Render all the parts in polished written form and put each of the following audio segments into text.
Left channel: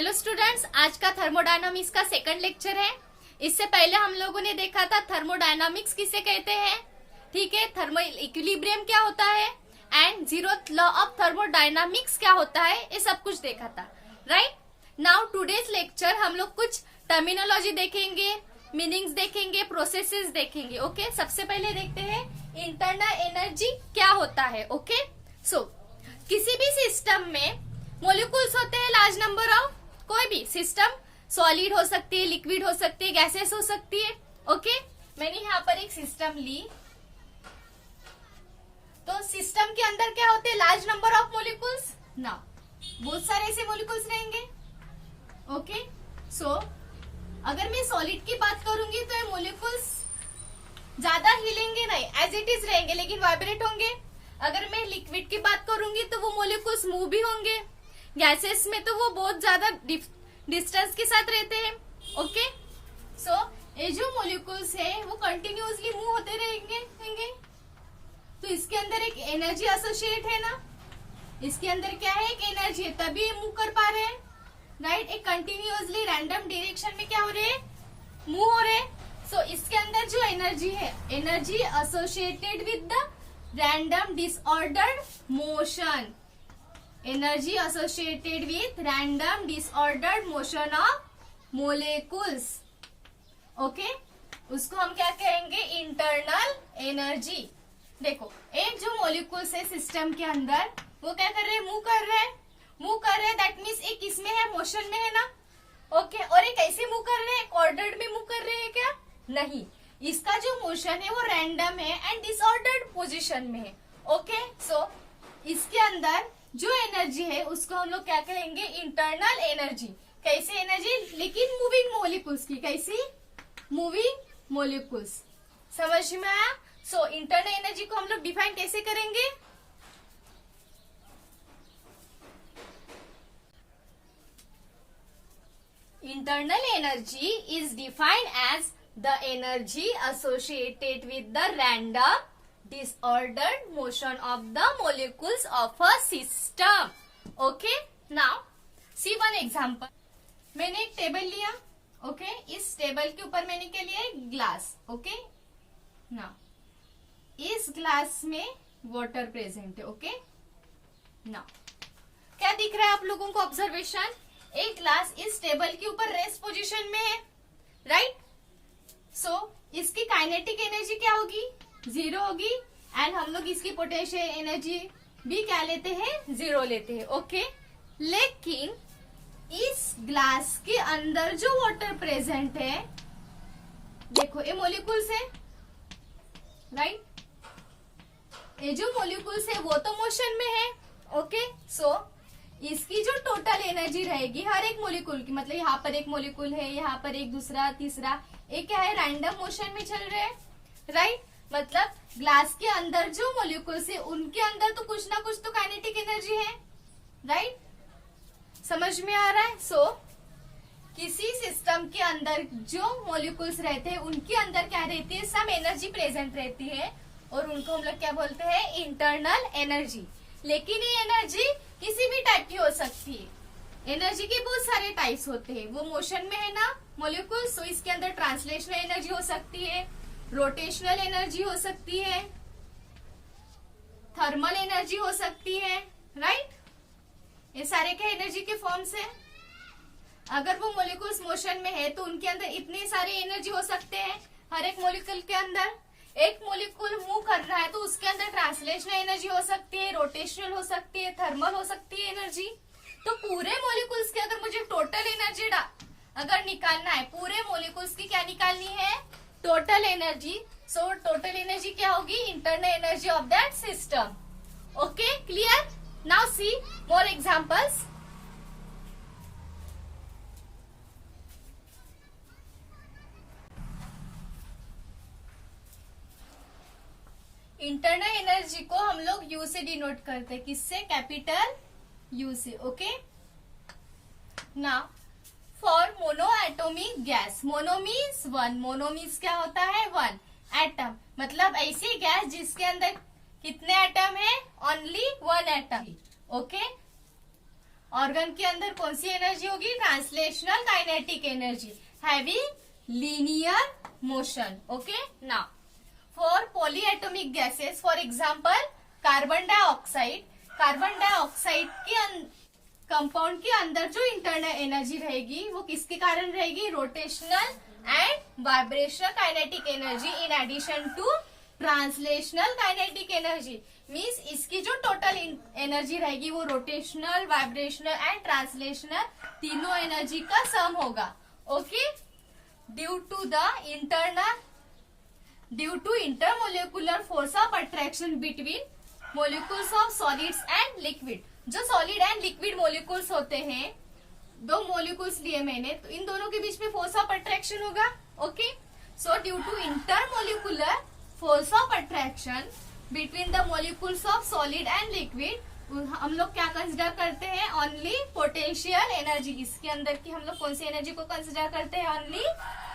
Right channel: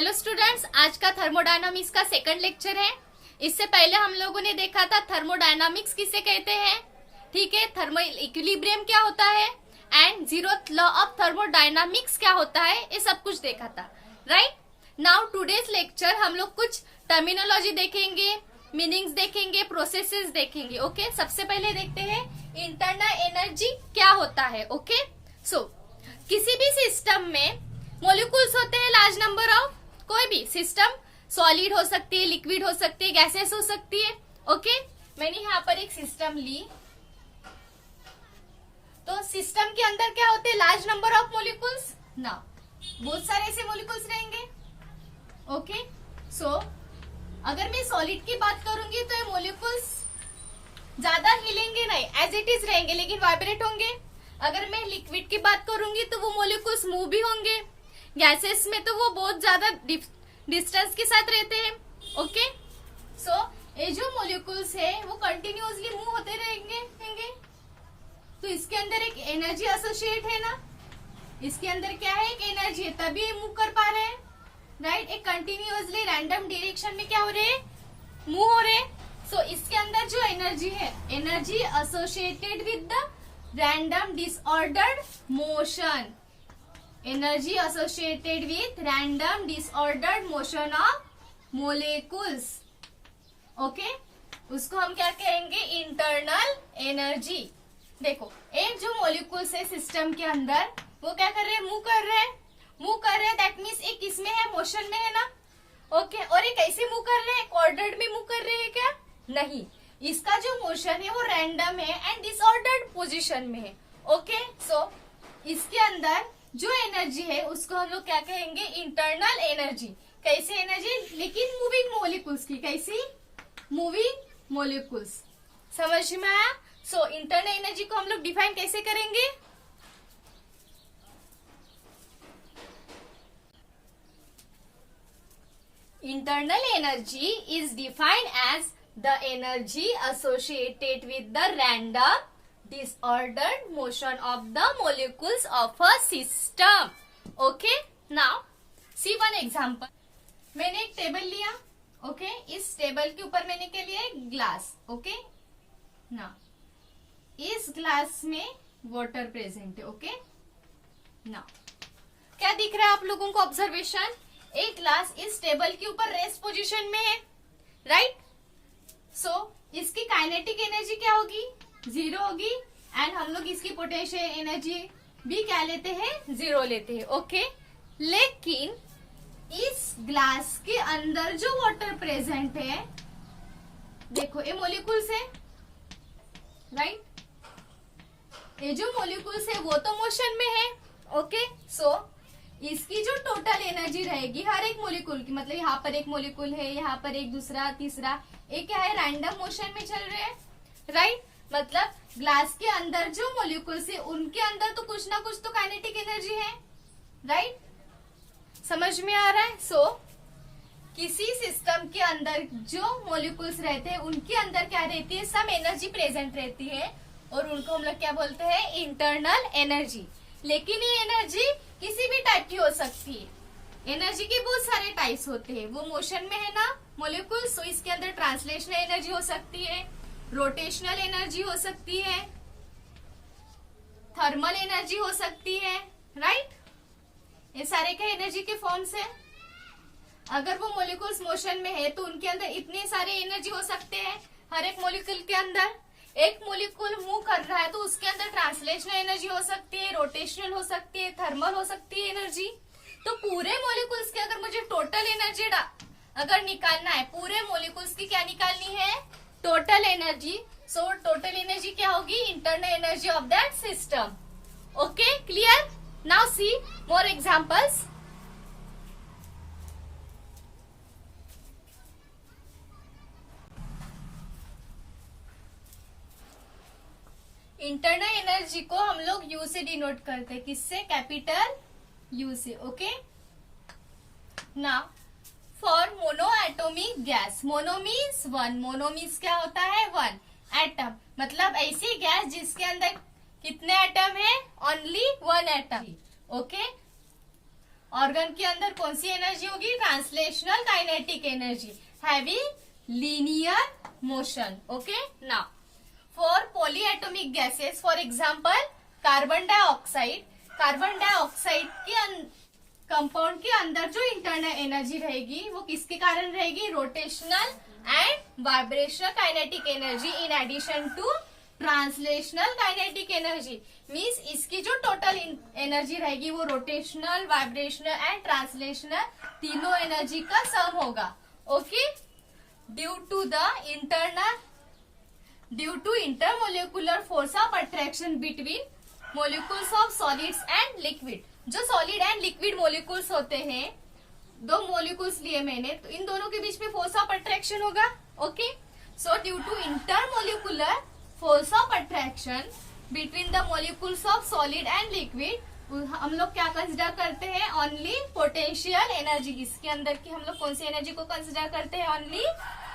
Hello students, आज का thermodynamics का सेकंड लेक्चर है। इससे पहले हम लोगों ने देखा था थर्मोडायनामिक्स किसे कहते हैं, ठीक है, थर्मो इक्विलिब्रियम क्या होता है and zeroth law of thermodynamics क्या होता है, ये सब कुछ देखा था। राइट नाउ टुडेज लेक्चर हम लोग कुछ टर्मिनोलॉजी देखेंगे, मीनिंग्स देखेंगे, प्रोसेसेस देखेंगे। ओके सबसे पहले देखते हैं इंटरनल एनर्जी क्या होता है। ओके सो किसी भी सिस्टम में मॉलिक्यूल्स होते हैं लार्ज नंबर ऑफ। कोई भी सिस्टम सॉलिड हो सकती है, लिक्विड हो सकती है, गैसेस हो सकती है। ओके मैंने यहाँ पर एक सिस्टम ली, तो सिस्टम के अंदर क्या होते हैं, लार्ज नंबर ऑफ मॉलिक्यूल्स ना, बहुत सारे ऐसे मॉलिक्यूल्स रहेंगे। ओके सो अगर मैं सॉलिड की बात करूंगी तो ये मॉलिक्यूल्स ज्यादा हिलेंगे नहीं, एज इट इज रहेंगे, लेकिन वाइब्रेट होंगे। अगर मैं लिक्विड की बात करूंगी तो वो मॉलिक्यूल्स मूव भी होंगे। गैसेस में तो वो बहुत ज्यादा डिस्टेंस के साथ रहते हैं। ओके सो ये जो मॉलिक्यूल्स है वो कंटिन्यूअसली मूव होते रहेंगे। तो इसके अंदर एक एनर्जी एसोसिएट है ना, इसके अंदर क्या है, एक एनर्जी है, तभी ये मूव कर पा रहे हैं। राइट एक कंटिन्यूअसली रैंडम डायरेक्शन में क्या हो रहे हैं, मूव हो रहे हैं। सो इसके अंदर जो एनर्जी है, energy associated with the random disordered motion, energy associated with random disordered motion of molecules. Okay उसको हम क्या कहेंगे, इंटरनल एनर्जी। देखो एक जो मोलिक्यूल्स है सिस्टम के अंदर, वो क्या कर रहे हैं, मूव कर रहे हैं, दैट मीन्स एक किसमें है, मोशन में है ना। ओके और ये कैसे मूव कर रहे हैं, ऑर्डर्ड में मूव कर रहे हैं क्या, नहीं, इसका जो मोशन है वो रैंडम है एंड डिसऑर्डर्ड पोजीशन में है। ओके सो इसके अंदर जो एनर्जी है उसको हम लोग क्या कहेंगे, इंटरनल एनर्जी। कैसी एनर्जी, लेकिन मूविंग मोलिक्यूल्स की, कैसी, मूविंग मोलिक्यूल्स। समझ में आया। सो इंटरनल एनर्जी को हम लोग डिफाइन कैसे करेंगे, internal energy is defined as the energy associated with the random disordered motion of the molecules of a system. Okay now see one example. मैंने एक टेबल लिया, ओके इस टेबल के ऊपर मैंने क्या लिया, एक ग्लास। ओके ना इस ग्लास में वाटर प्रेजेंट है। ओके ना क्या दिख रहा है आप लोगों को, ऑब्जर्वेशन, एक ग्लास इस टेबल के ऊपर रेस्ट पोजीशन में है। राइट सो इसकी काइनेटिक एनर्जी क्या होगी, 0 होगी, एंड हम लोग इसकी पोटेंशियल एनर्जी भी क्या लेते हैं, 0 लेते हैं। ओके लेकिन इस ग्लास के अंदर जो वाटर प्रेजेंट है, देखो ये मॉलिक्यूल्स है। राइट ये जो मॉलिक्यूल्स है वो तो मोशन में है। ओके सो इसकी जो टोटल एनर्जी रहेगी हर एक मॉलिक्यूल की, मतलब यहाँ पर एक मॉलिक्यूल है, यहाँ पर एक, दूसरा, तीसरा, ये क्या है, रैंडम मोशन में चल रहे हैं। राइट मतलब ग्लास के अंदर जो मॉलिक्यूल्स है उनके अंदर तो कुछ ना कुछ तो काइनेटिक एनर्जी है। राइट समझ में आ रहा है। सो किसी सिस्टम के अंदर जो मॉलिक्यूल्स रहते हैं उनके अंदर क्या रहती है, सम एनर्जी प्रेजेंट रहती है, और उनको हम लोग क्या बोलते हैं, इंटरनल एनर्जी। लेकिन ये एनर्जी किसी भी टाइप की हो सकती है, एनर्जी के बहुत सारे टाइप्स होते हैं। वो मोशन में है ना मॉलिक्यूल्स, तो इसके अंदर ट्रांसलेशनल एनर्जी हो सकती है, रोटेशनल एनर्जी हो सकती है, थर्मल एनर्जी हो सकती है। राइट ये सारे क्या एनर्जी के फॉर्म्स हैं। अगर वो मॉलिक्यूल्स मोशन में है तो उनके अंदर इतने सारे एनर्जी हो सकते हैं। हर एक मॉलिक्यूल के अंदर एक मॉलिक्यूल मूव कर रहा है तो उसके अंदर ट्रांसलेशनल एनर्जी हो सकती है, रोटेशनल हो सकती है, थर्मल हो सकती है एनर्जी। तो पूरे मॉलिक्यूल्स की अगर मुझे टोटल एनर्जी अगर निकालना है, पूरे मॉलिक्यूल्स की क्या निकालनी है, total energy. So total energy क्या होगी, internal energy of that system. Okay clear. Now see more examples. Internal energy को हम लोग यू से डिनोट करते हैं, किससे, कैपिटल यू से। ओके ना for mono atomic gas, mono means 1, mono means क्या होता है, 1 एटम, मतलब ऐसी गैस जिसके अंदर कितने एटम है, ओनली 1 एटम। ओके ऑर्गन के अंदर कौन सी एनर्जी होगी? Translational kinetic energy having linear motion. Okay, now for polyatomic gases, for example carbon dioxide. Carbon dioxide के कंपाउंड के अंदर जो इंटरनल एनर्जी रहेगी वो किसके कारण रहेगी? Rotational and vibrational kinetic energy in addition to translational kinetic energy. Means इसकी जो टोटल एनर्जी रहेगी वो रोटेशनल, वाइब्रेशनल एंड ट्रांसलेशनल तीनों एनर्जी का सम होगा. Okay, due to intermolecular force of attraction between molecules of solids and liquid. जो solid and liquid molecules होते हैं, दो मोलिकुल्स लिए मैंने, तो इन दोनों के बीच में फोर्स ऑफ अट्रैक्शन होगा. Okay, so due to intermolecular force of attraction between the molecules of solid and liquid, हम लोग क्या कंसिडर करते हैं? Only potential energy. इसके अंदर की हम लोग कौन सी एनर्जी को कंसिडर करते हैं? Only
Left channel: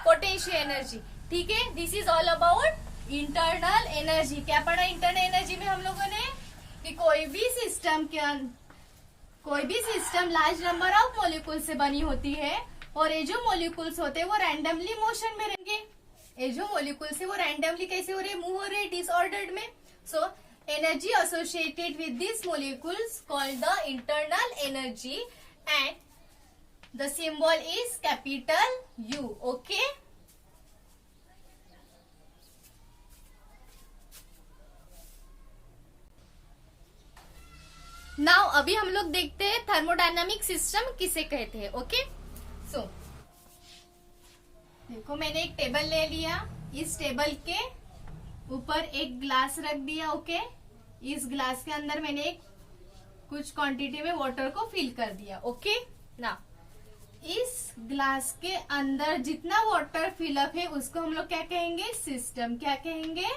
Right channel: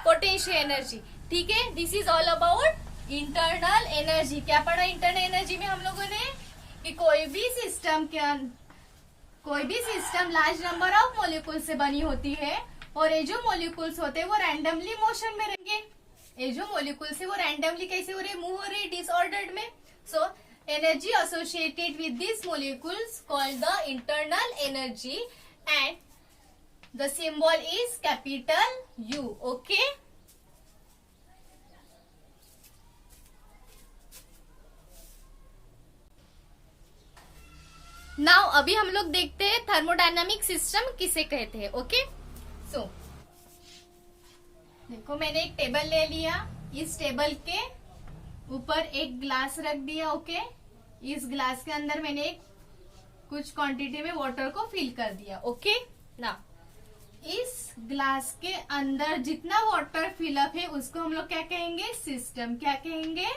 potential energy. ठीक है, this is all about internal energy. क्या पढ़ा इंटरनल एनर्जी में हम लोगों ने? कि कोई भी system large number of molecule से बनी होती है और ये जो मोलिकुल्स होते हैं वो रैंडमली मोशन में रहेंगे. ये जो मोलिकुल्स है वो रैंडमली कैसे हो रहे? मूव हो रहे डिसऑर्डर्ड में. So energy associated with this molecules called the internal energy and the symbol is capital U. Okay, now अभी हम लोग देखते हैं थर्मोडायनामिक सिस्टम किसे कहते हैं. ओके, सो देखो मैंने एक टेबल ले लिया. इस टेबल के ऊपर एक ग्लास रख दिया. ओके, इस ग्लास के अंदर मैंने एक कुछ क्वांटिटी में वाटर को फिल कर दिया. ओके, नाउ इस ग्लास के अंदर जितना वाटर फिलअप है उसको हम लोग क्या कहेंगे? सिस्टम. क्या कहेंगे?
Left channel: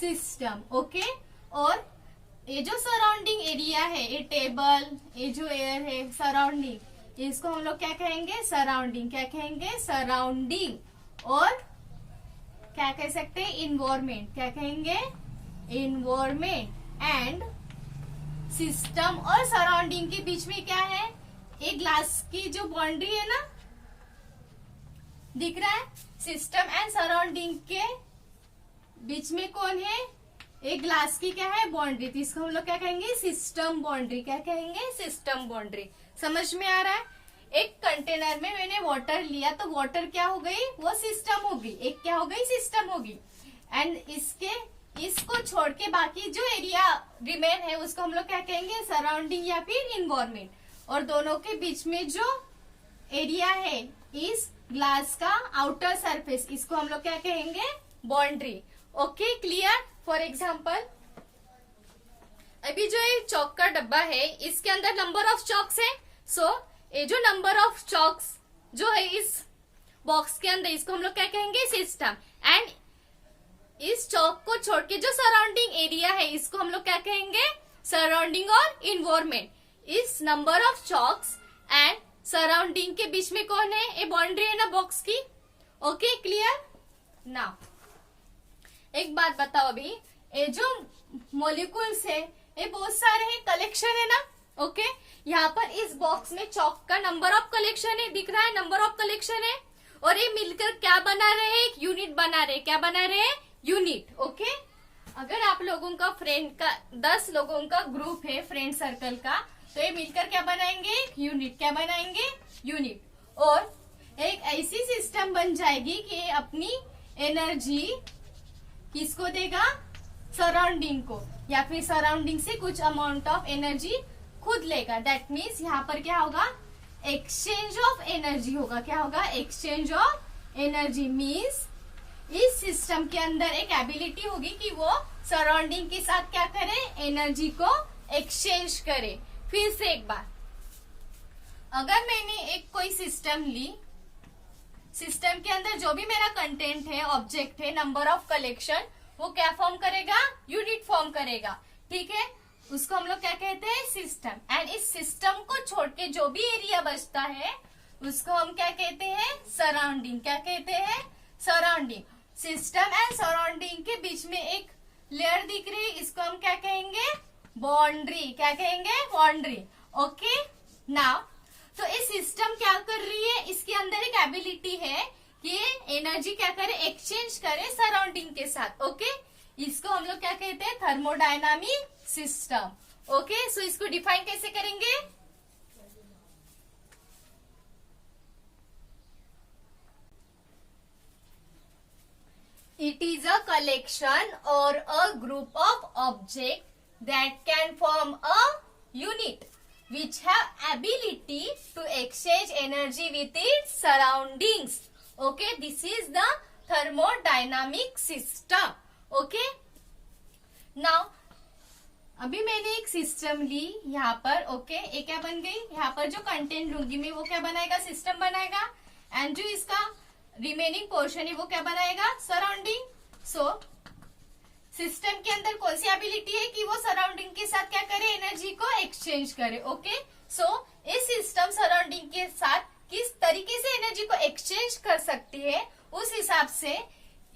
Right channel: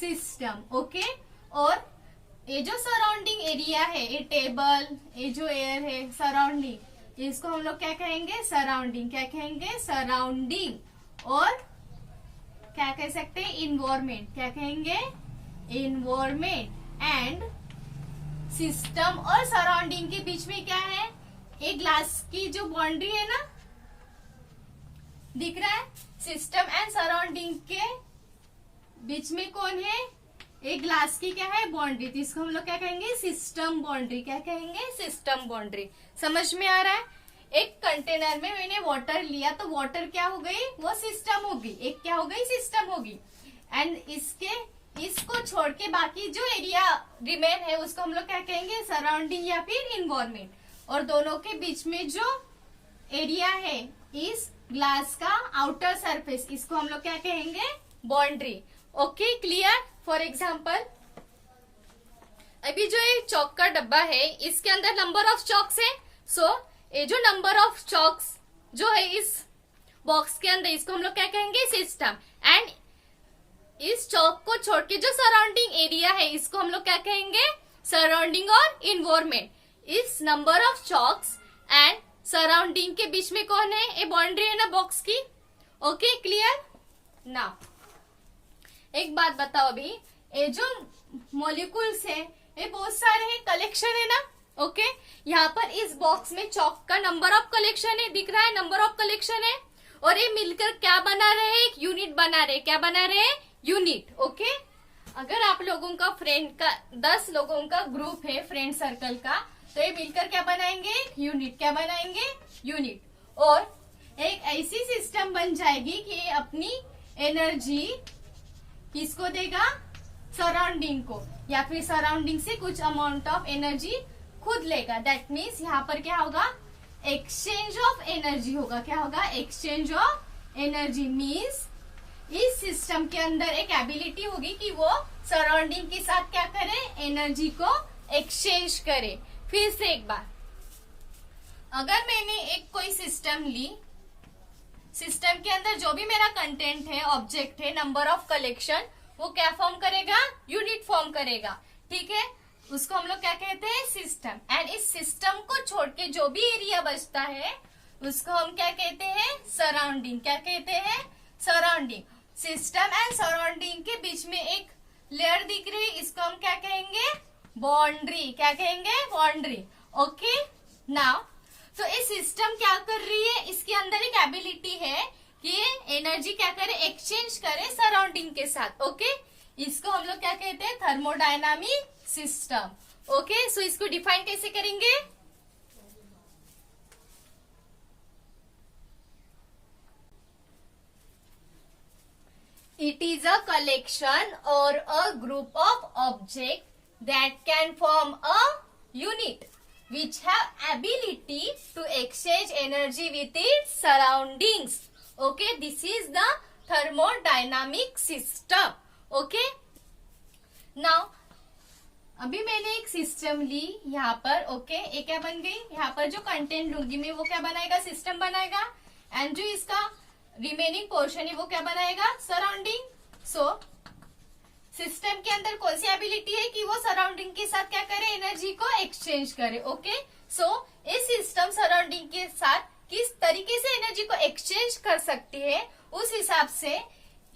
सिस्टम. ओके, और ये जो सराउंडिंग एरिया है, ये टेबल, ये जो एयर है सराउंडिंग, इसको हम लोग क्या कहेंगे? सराउंडिंग. क्या कहेंगे? सराउंडिंग. और क्या कह सकते हैं? इन्वायरमेंट. क्या कहेंगे? इन्वायरमेंट. एंड सिस्टम और सराउंडिंग के बीच में क्या है? एक ग्लास की जो बाउंड्री है ना, दिख रहा है? सिस्टम एंड सराउंडिंग के बीच में कौन है? एक ग्लास की क्या है? बाउंड्री. तो इसको हम लोग क्या कहेंगे? System boundary. क्या कहेंगे? System boundary. समझ में आ रहा है? एक कंटेनर में मैंने वाटर लिया तो वाटर क्या हो गई? वो सिस्टम होगी. एक क्या हो गई? सिस्टम होगी. एंड इसको छोड़ के बाकी जो एरिया रिमेन है उसको हम लोग क्या कहेंगे? सराउंडिंग या फिर इन्वायरमेंट. और दोनों के बीच में जो एरिया है इस ग्लास का आउटर सरफेस, इसको हम लोग क्या कहेंगे? Boundary. Okay, clear? For example अभी जो ये चौक का डब्बा है इसके अंदर नंबर ऑफ चॉक्स है. सो ये जो नंबर ऑफ चॉक्स जो है इस बॉक्स के अंदर, इसको हम लोग क्या कहेंगे? सिस्टम. एंड इस चौक को छोड़ के जो सराउंडिंग एरिया है इसको हम लोग क्या कहेंगे? सराउंडिंग और इन्वायरमेंट. इस number of chalks and surrounding के बीच में कौन है? ये बाउंड्री है ना बॉक्स की. Okay, clear? नाउ एक बात बताओ, अभी ये जो मॉलिक्यूल्स है ये बहुत सारे हैं, कलेक्शन है ना. ओके, यहाँ पर इस बॉक्स में चॉक का नंबर ऑफ कलेक्शन है, दिख रहा है? नंबर ऑफ कलेक्शन है. और ये मिलकर क्या बना रहे हैं? एक यूनिट बना रहे. क्या बना रहे हैं? यूनिट. ओके, अगर आप लोगों का फ्रेंड का 10 लोगों का ग्रुप है फ्रेंड सर्कल का, तो ये मिलकर क्या बनाएंगे? यूनिट. क्या बनाएंगे? यूनिट. और एक ऐसी सिस्टम बन जाएगी कि ये अपनी एनर्जी किसको देगा? सराउंडिंग को, या फिर सराउंडिंग से कुछ अमाउंट ऑफ एनर्जी खुद लेगा. दैट मीन्स यहाँ पर क्या होगा? एक्सचेंज ऑफ एनर्जी होगा. क्या होगा? Exchange of energy. मीन्स इस सिस्टम के अंदर एक एबिलिटी होगी कि वो सराउंडिंग के साथ क्या करे? एनर्जी को एक्सचेंज करे. फिर से एक बार, अगर मैंने एक कोई सिस्टम ली, सिस्टम के अंदर जो भी मेरा कंटेंट है, ऑब्जेक्ट है, नंबर ऑफ कलेक्शन, वो क्या फॉर्म करेगा? यूनिट फॉर्म करेगा. ठीक है, उसको हम लोग क्या कहते हैं? सिस्टम. एंड इस सिस्टम को छोड़ के जो भी एरिया बचता है उसको हम क्या कहते हैं? सराउंडिंग. क्या कहते हैं? सराउंडिंग. सिस्टम एंड सराउंडिंग के बीच में एक लेयर दिख रही है, इसको हम क्या कहेंगे? बाउंड्री. क्या कहेंगे? बाउंड्री. ओके, नाउ तो ये सिस्टम क्या कर रही है, इसके अंदर एक एबिलिटी है कि ये एनर्जी क्या करे, एक्सचेंज करे सराउंडिंग के साथ। ओके, इसको हम लोग क्या कहते हैं, थर्मोडायनामिक सिस्टम। ओके, सो इसको डिफाइन कैसे करेंगे, it is a collection or a group of objects that can form a unit which have ability to exchange energy with its surroundings. Okay, this is the thermodynamic system. Okay, now अभी मैंने एक system ली यहाँ पर। Okay, ये क्या बन गई, यहाँ पर जो कंटेंट लूंगी मैं वो क्या बनाएगा, सिस्टम बनाएगा, एंड जो इसका रिमेनिंग पोर्शन है वो क्या बनाएगा, सराउंडिंग। सो सिस्टम के अंदर कौन सी एबिलिटी है कि वो सराउंडिंग के साथ क्या करे, एनर्जी को एक्सचेंज करे। ओके, सो इस सिस्टम सराउंडिंग के साथ किस तरीके से एनर्जी को एक्सचेंज कर सकती है, उस हिसाब से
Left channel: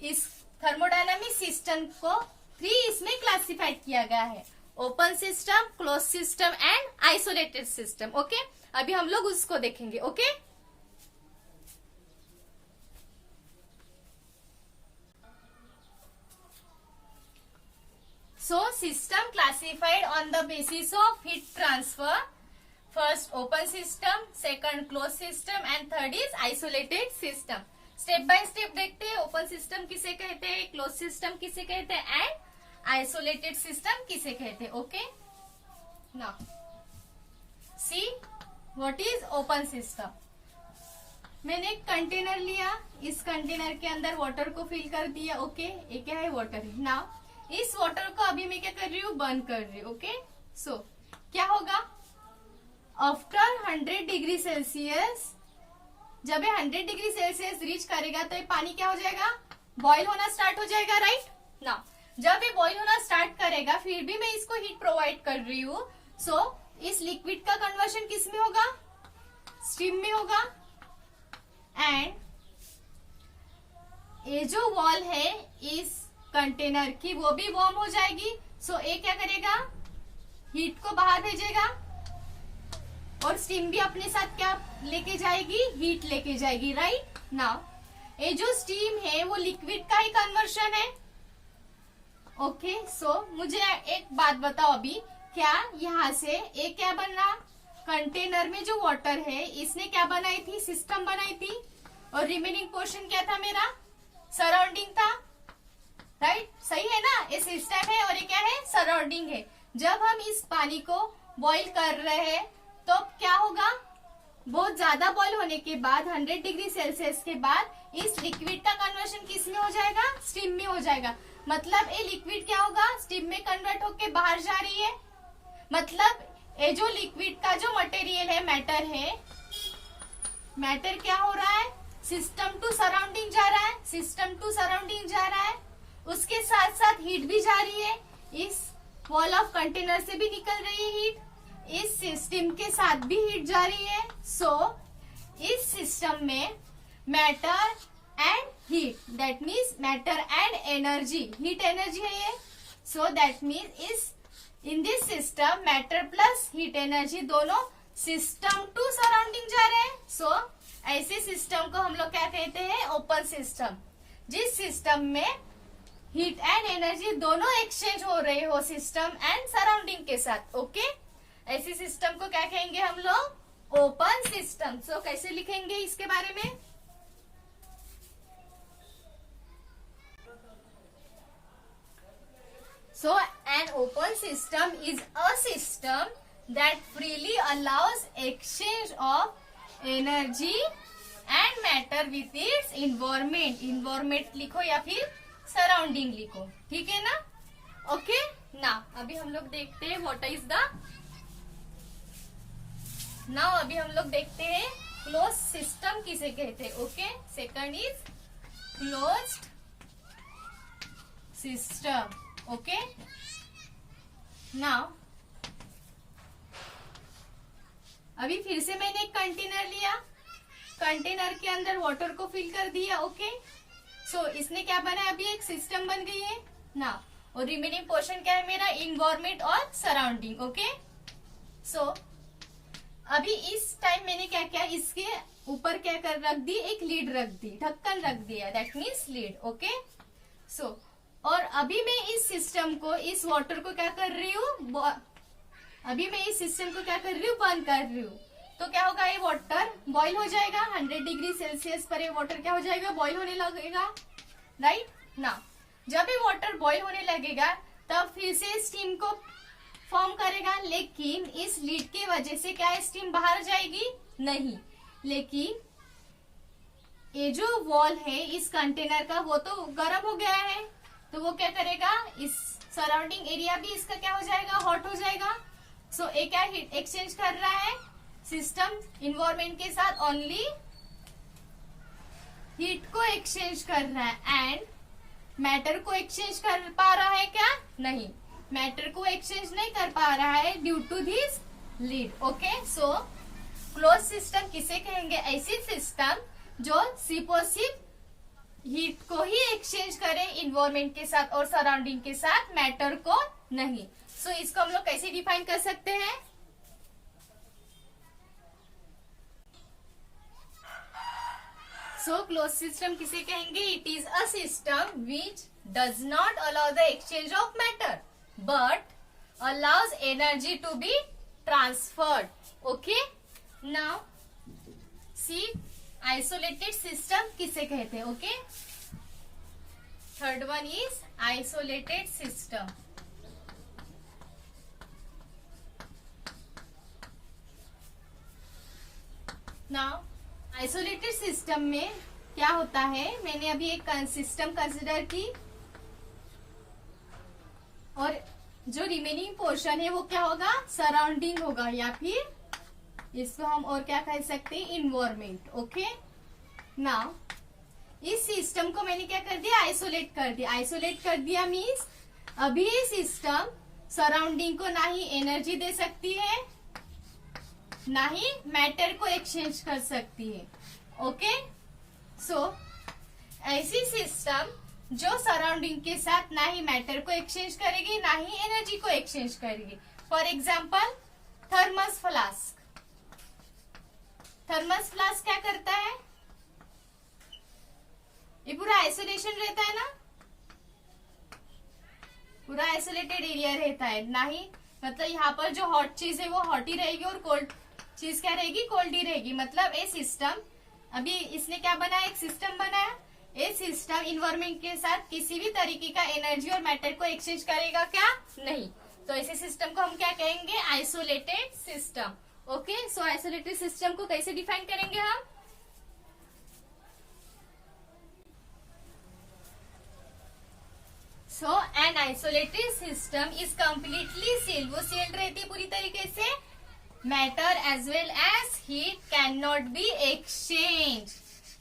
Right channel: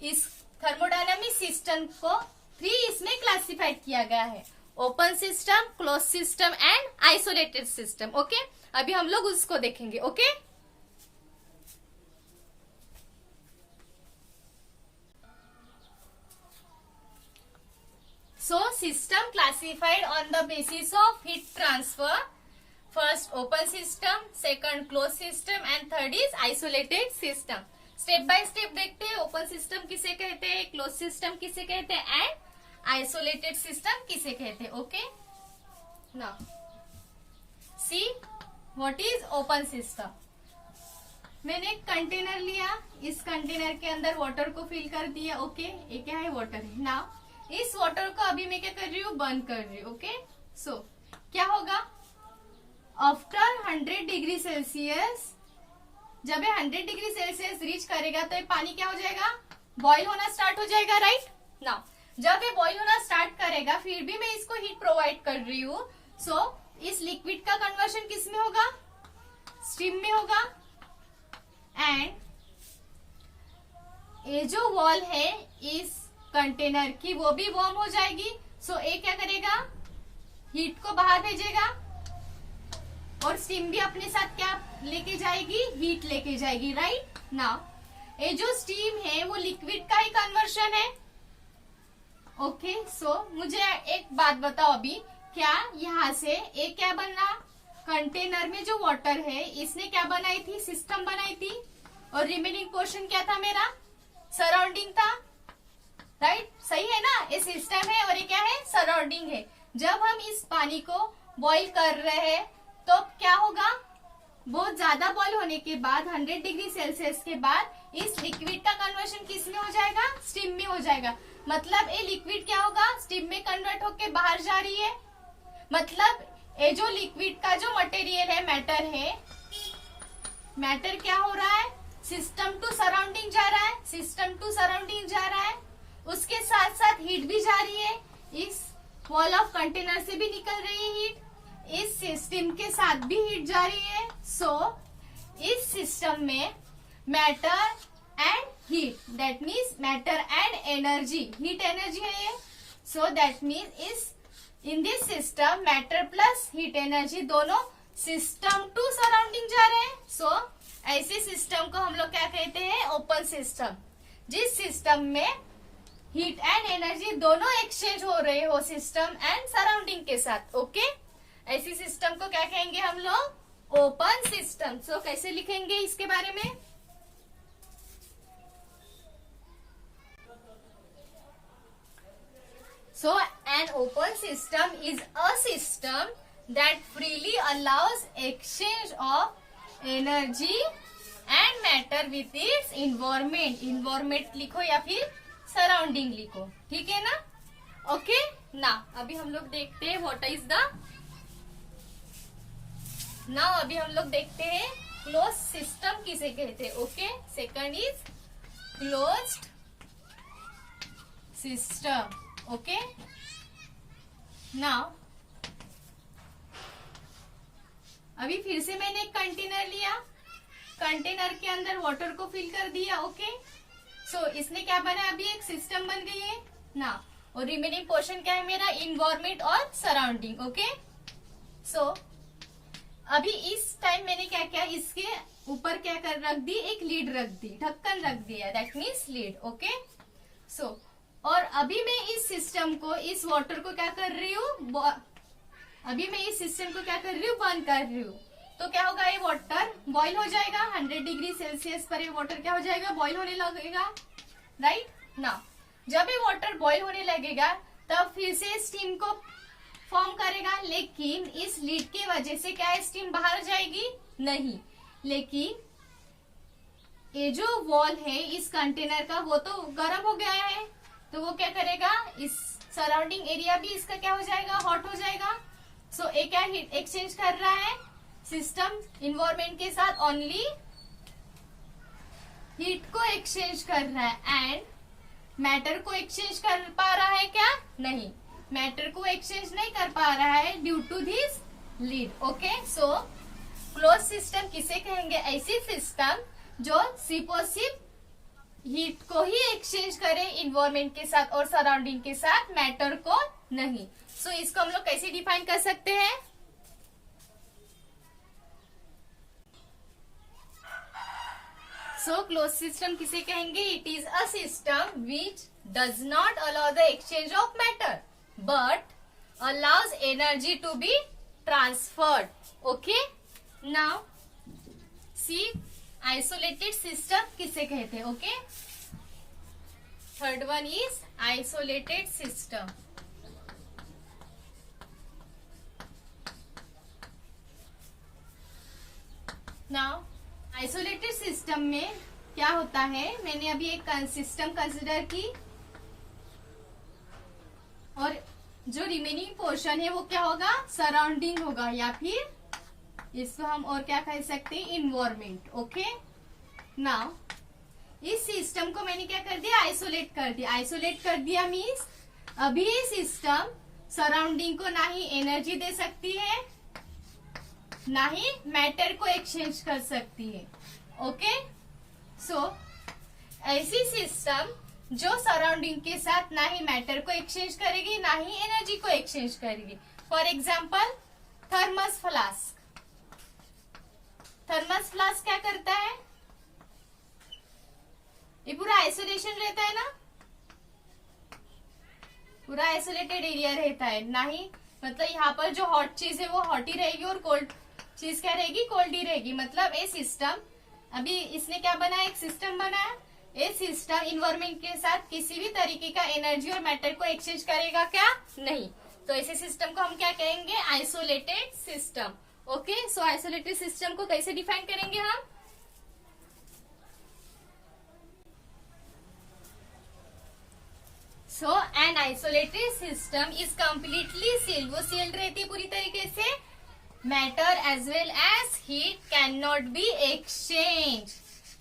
इस थर्मोडायनामिक सिस्टम को 3 इसमें क्लासिफाइड किया गया है, open system, close system and isolated system. Okay, अभी हम लोग उसको देखेंगे। Okay, so system classified on the basis of heat transfer, first open system, second closed system and third is isolated system। Step by step देखते हैं, open system किसे कहते हैं, क्लोज सिस्टम किसे कहते हैं एंड आइसोलेटेड सिस्टम किसे कहते हैं। Okay, now see what is open system. मैंने एक कंटेनर लिया, इस कंटेनर के अंदर वाटर को फिल कर दिया। ओके, ये क्या है, वाटर है। नाउ इस वाटर को अभी मैं क्या कर रही हूँ, बर्न कर रही हूँ। ओके, सो क्या होगा, आफ्टर 100 डिग्री सेल्सियस, जब ये 100 डिग्री सेल्सियस रीच करेगा तो ये पानी क्या हो जाएगा, बॉईल होना स्टार्ट हो जाएगा, राइट। नाउ जब ये बॉईल होना स्टार्ट करेगा, फिर भी मैं इसको हीट प्रोवाइड कर रही हूँ। सो इस लिक्विड का कन्वर्शन किस में होगा, स्टीम में होगा, एंड ये जो वॉल है इस कंटेनर की वो भी वार्म हो जाएगी। सो ये क्या करेगा, हीट को बाहर भेजेगा और स्टीम भी अपने साथ क्या लेके जाएगी, हीट लेके जाएगी, राइट। नाउ ये जो स्टीम है वो लिक्विड का ही कन्वर्शन है। ओके, सो मुझे एक बात बताओ अभी, क्या यहाँ से एक क्या बनना, कंटेनर में जो वाटर है इसने क्या बनाई थी, सिस्टम बनाई थी, और रिमेनिंग पोर्शन क्या था मेरा, सराउंडिंग था, राइट। सही है ना, ये सिस्टम है और ये क्या है, सराउंडिंग है। जब हम इस पानी को बॉईल कर रहे हैं तो क्या होगा, बहुत ज्यादा बॉईल होने के बाद 100 डिग्री सेल्सियस के बाद इस लिक्विड का कन्वर्शन किस में हो जाएगा, स्टीम में हो जाएगा। मतलब ये लिक्विड क्या होगा, स्टीम में कन्वर्ट होके बाहर जा रही है। मतलब ये जो लिक्विड का जो मटेरियल है, मैटर है, मैटर क्या हो रहा है, सिस्टम टू सराउंडिंग जा रहा है, सिस्टम टू सराउंडिंग जा रहा है, उसके साथ साथ हीट भी जा रही है, इस वॉल ऑफ कंटेनर से भी निकल रही है हीट, इस सिस्टम के साथ भी हीट जा रही है। सो इस सिस्टम में matter and heat, that means matter and energy, heat energy है ये। सो दैट मीन्स इस in this system matter plus heat energy दोनों सिस्टम टू सराउंडिंग जा रहे हैं। सो ऐसे सिस्टम को हम लोग क्या कहते हैं, ओपन सिस्टम, जिस सिस्टम में हीट एंड एनर्जी दोनों एक्सचेंज हो रहे हो सिस्टम एंड सराउंडिंग के साथ। ओके, ऐसी सिस्टम को क्या कहेंगे हम लोग, ओपन सिस्टम। सो कैसे लिखेंगे इसके बारे में, so an open system is a system that freely allows exchange of energy and matter with its environment, environment लिखो या फिर सराउंडिंग लिखो, ठीक है ना। ओके, ना अभी हम लोग देखते हैं व्हाट इज द, नाउ अभी हम लोग देखते हैं क्लोज सिस्टम किसे कहते हैं। Okay, second is closed system. Okay, now अभी फिर से मैंने एक कंटेनर लिया, कंटेनर के अंदर वाटर को फिल कर दिया। ओके, सो इसने क्या बना, अभी एक सिस्टम बन गई है ना, और रिमेनिंग पोर्शन क्या है मेरा, इन्वायरमेंट और सराउंडिंग। ओके, सो अभी इस टाइम मैंने क्या किया, इसके ऊपर क्या कर रख दी, एक लीड रख दी, ढक्कन रख दिया, दैट मीन्स लीड। ओके सो और अभी मैं इस सिस्टम को, इस वाटर को क्या कर रही हूँ, अभी मैं इस सिस्टम को क्या कर रही हूँ, बंद कर रही हूँ। तो क्या होगा, ये वाटर बॉईल हो जाएगा, 100 डिग्री सेल्सियस पर ये वाटर क्या हो जाएगा, बॉईल होने लगेगा, राइट ना। जब ये वाटर बॉईल होने लगेगा तब फिर से स्टीम को फॉर्म करेगा, लेकिन इस लीड के वजह से क्या स्टीम बाहर जाएगी, नहीं, लेकिन ये जो वॉल है इस कंटेनर का वो तो गर्म हो गया है, तो वो क्या करेगा, इस सराउंडिंग एरिया भी इसका क्या हो जाएगा, हॉट हो जाएगा। सो ये क्या हीट एक्सचेंज कर रहा है, सिस्टम इन्वायरमेंट के साथ ओनली हीट को एक्सचेंज कर रहा है, एंड मैटर को एक्सचेंज कर पा रहा है क्या, नहीं, मैटर को एक्सचेंज नहीं कर पा रहा है due to this lid. Okay so close system किसे कहेंगे, ऐसी सिस्टम जो सिर्फ और सिर्फ हीट को ही एक्सचेंज करे इन्वायरमेंट के साथ और सराउंडिंग के साथ, मैटर को नहीं। सो इसको हम लोग कैसे डिफाइन कर सकते हैं, सो क्लोज सिस्टम किसे कहेंगे, it is a system which does not allow the exchange of matter but allows energy to be transferred. Okay now see isolated system किसे कहते हैं। Okay third one is isolated system. Now isolated system में क्या होता है, मैंने अभी एक सिस्टम कंसिडर की और जो रिमेनिंग पोर्शन है वो क्या होगा, सराउंडिंग होगा, या फिर इसको हम और क्या कह सकते हैं, इन्वायरमेंट। ओके नाउ इस सिस्टम को मैंने क्या कर दिया, आइसोलेट कर दिया। आइसोलेट कर दिया मीन्स अभी ये सिस्टम सराउंडिंग को ना ही एनर्जी दे सकती है ना ही मैटर को एक्सचेंज कर सकती है। ओके सो ऐसी सिस्टम जो सराउंडिंग के साथ ना ही मैटर को एक्सचेंज करेगी ना ही एनर्जी को एक्सचेंज करेगी। For example thermos flask. Thermos flask क्या करता है, ये पूरा आइसोलेशन रहता है ना, पूरा आइसोलेटेड एरिया रहता है, ना ही मतलब यहाँ पर जो हॉट चीज है वो हॉट ही रहेगी और कोल्ड चीज क्या रहेगी, कोल्ड ही रहेगी। मतलब ये सिस्टम, अभी इसने क्या बनाया, एक सिस्टम बनाया, ये सिस्टम इन्वायरमेंट के साथ किसी भी तरीके का एनर्जी और मैटर को एक्सचेंज करेगा क्या, नहीं। तो ऐसे सिस्टम को हम क्या कहेंगे, isolated system. Okay so isolated system को कैसे डिफाइन करेंगे हम, so an isolated system is completely sealed, वो सील्ड रहती है पूरी तरीके से, matter as well as heat can not be exchange,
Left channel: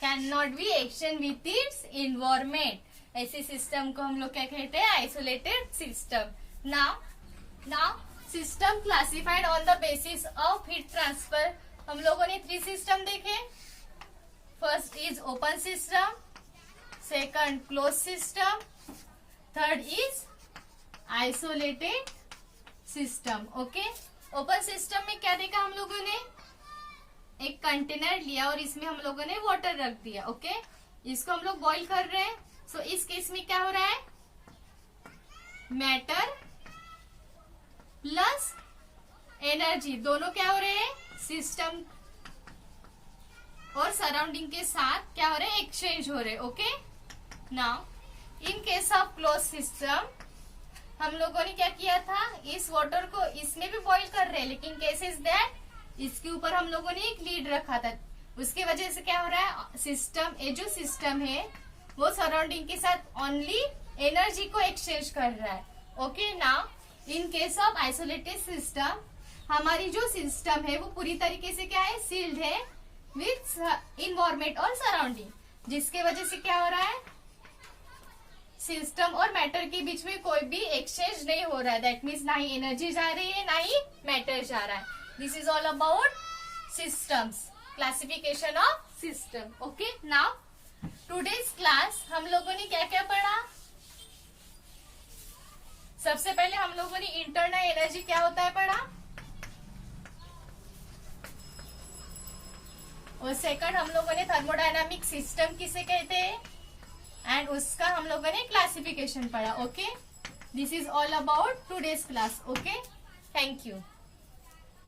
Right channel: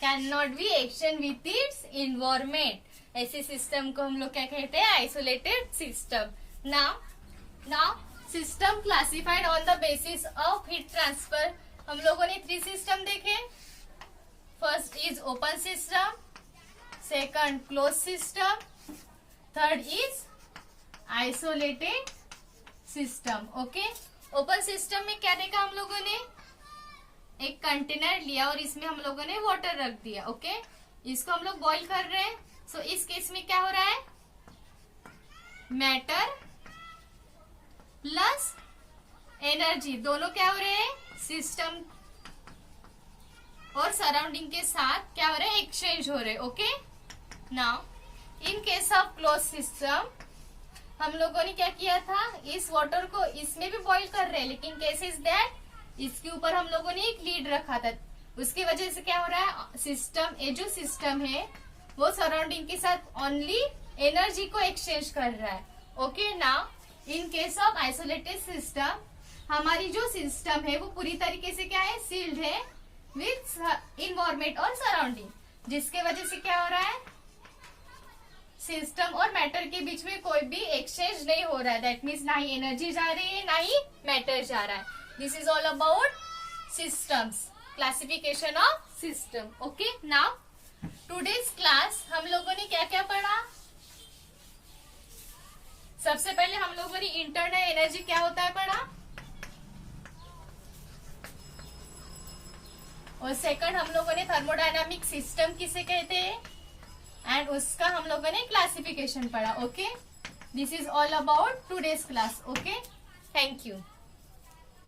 can not be exchange with its environment. ऐसे सिस्टम को हम लोग क्या कहते हैं, isolated system. Now system classified on the basis of heat transfer. हम लोगों ने 3 सिस्टम देखे, first is open system, second close system, third is isolated system. Okay open system में क्या देखा हम लोगों ने, एक कंटेनर लिया और इसमें हम लोगों ने वाटर रख दिया। ओके इसको हम लोग बॉईल कर रहे हैं। सो इस केस में क्या हो रहा है, मैटर प्लस एनर्जी दोनों क्या हो रहे हैं, सिस्टम और सराउंडिंग के साथ क्या हो रहे हैं, एक्सचेंज हो रहे हैं। Okay now in case of close system हम लोगों ने क्या किया था, इस वाटर को इसमें भी बॉईल कर रहे हैं, लेकिन केस इज दैट इसके ऊपर हम लोगों ने एक लीड रखा था, उसकी वजह से क्या हो रहा है, सिस्टम, ये जो सिस्टम है वो सराउंडिंग के साथ ओनली एनर्जी को एक्सचेंज कर रहा है। Okay now in case of isolated system हमारी जो सिस्टम है वो पूरी तरीके से क्या है, सील्ड है विथ इन्वायरमेंट और सराउंडिंग, जिसके वजह से क्या हो रहा है, सिस्टम और मैटर के बीच में कोई भी एक्सचेंज नहीं हो रहा है। दैट मीन्स ना ही एनर्जी जा रही है ना ही मैटर जा रहा है। This is all about systems, classification of system. Okay now today's class हम लोगों ने क्या क्या पढ़ा, सबसे पहले हम लोगों ने इंटरनल एनर्जी क्या होता है पढ़ा, और सेकंड हम लोगों ने थर्मोडायनामिक सिस्टम किसे कहते हैं एंड उसका हम लोगों ने क्लासिफिकेशन पढ़ा. Okay, this is all about today's class. Okay, thank you.